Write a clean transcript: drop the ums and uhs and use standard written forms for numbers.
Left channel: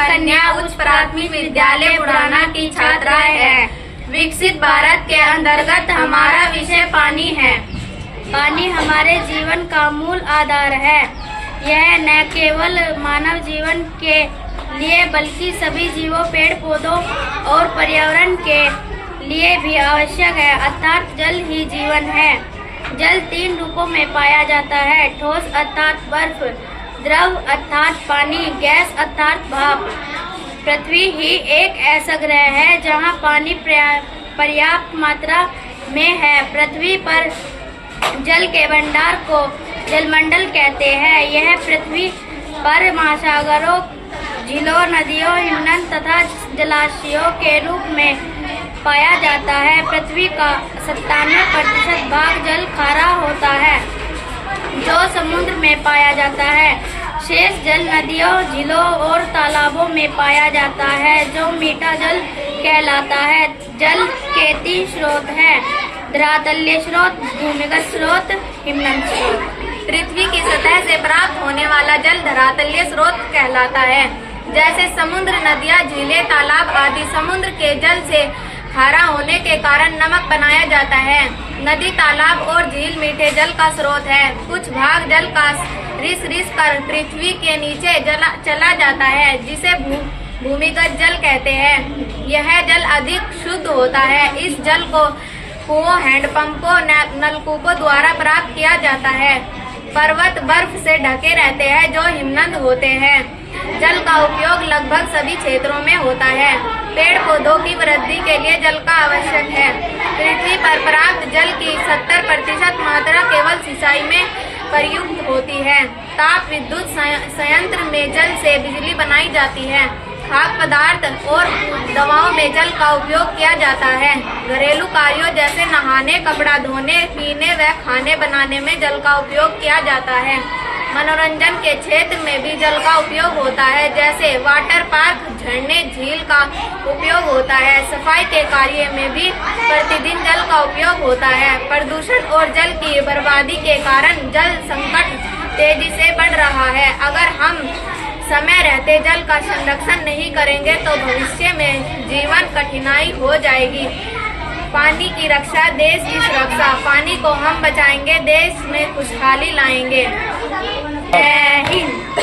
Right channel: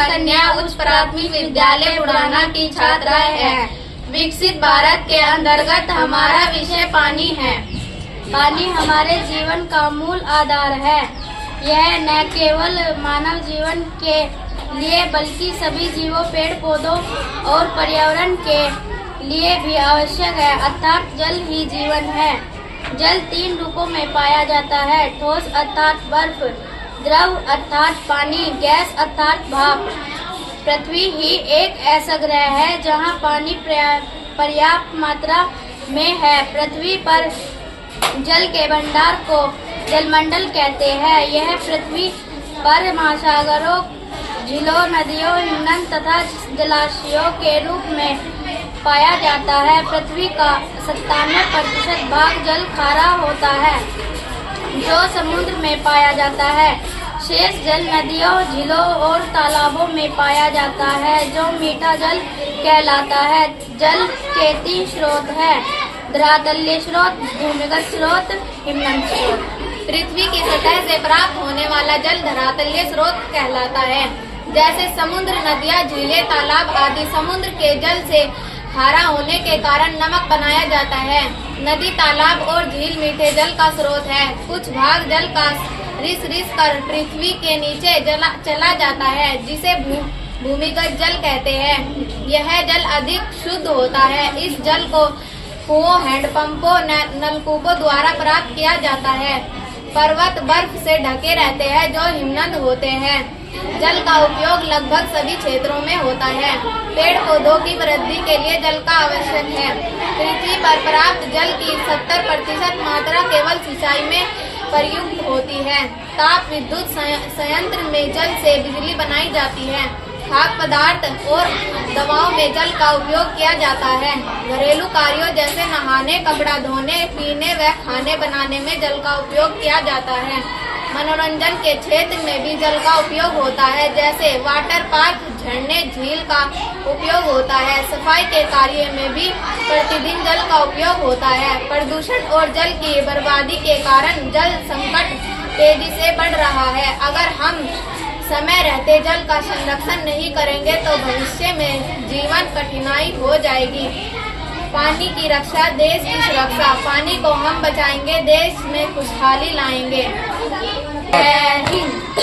कन्या उच्च प्राथमिक विद्यालय बुढ़ाना की छात्राएं हैं। विकसित भारत के अंतर्गत हमारा विषय पानी है। पानी हमारे जीवन का मूल आधार है। यह न केवल मानव जीवन के लिए बल्कि सभी जीवों, पेड़ पौधों और पर्यावरण के लिए भी आवश्यक है, अर्थात जल ही जीवन है। जल 3 रूपों में पाया जाता है: ठोस अर्थात बर्फ, द्रव अर्थात पानी, गैस अर्थात भाप। पृथ्वी ही एक ऐसा ग्रह है जहां पानी पर्याप्त मात्रा में है। पृथ्वी पर जल के भंडार को जलमंडल कहते हैं। यह पृथ्वी पर महासागरों, झीलों, नदियों, हिमनद तथा जलाशयों के रूप में पाया जाता है। पृथ्वी का 97% भाग जल खारा होता है जो समुद्र में पाया जाता है। शेष जल नदियों, झीलों और तालाबों में पाया जाता है जो मीठा जल कहलाता है। जल के 3 स्रोत हैं: धरातलीय स्रोत, भूमिगत स्रोत, हिमनद स्रोत। पृथ्वी की सतह से प्राप्त होने वाला जल धरातलीय स्रोत कहलाता है। जैसे समुद्र, नदियाँ, झीलें, तालाब आदि समुद्र के जल से खारा होने के कारण नमक बनाया जाता है। नदी, तालाब और झील मीठे जल का स्रोत है। कुछ भाग जल का रिस कर पृथ्वी के नीचे चला जाता है जिसे भूमिगत जल कहते हैं। यह जल अधिक शुद्ध होता है। इस जल को कुओं, हैंडपंपों, नलकूपों द्वारा प्राप्त किया जाता है। पर्वत बर्फ से ढके रहते हैं जो हिमनद होते हैं। जल का उपयोग लगभग सभी क्षेत्रों में होता है। पेड़ पौधों की वृद्धि के लिए जल का आवश्यक है। पृथ्वी पर प्राप्त जल की 70% मात्रा केवल सिंचाई में प्रयुक्त होती है। ताप विद्युत संयंत्र में जल से बिजली बनाई जाती है। खाद्य पदार्थ और दवाओं में जल का उपयोग किया जाता है। घरेलू कार्यों जैसे नहाने, कपड़ा धोने, पीने व खाने बनाने में जल का उपयोग किया जाता है। मनोरंजन के क्षेत्र में भी जल का उपयोग होता है, जैसे वाटर पार्क, झरने, झील का उपयोग होता है। सफाई के कार्य में भी प्रतिदिन जल का उपयोग होता है। प्रदूषण और जल की बर्बादी के कारण जल संकट तेजी से बढ़ रहा है। अगर हम समय रहते जल का संरक्षण नहीं करेंगे तो भविष्य में जीवन कठिनाई हो जाएगी। पानी की रक्षा देश की सुरक्षा। पानी को हम बचाएंगे, देश में खुशहाली लाएंगे। जय हिंद।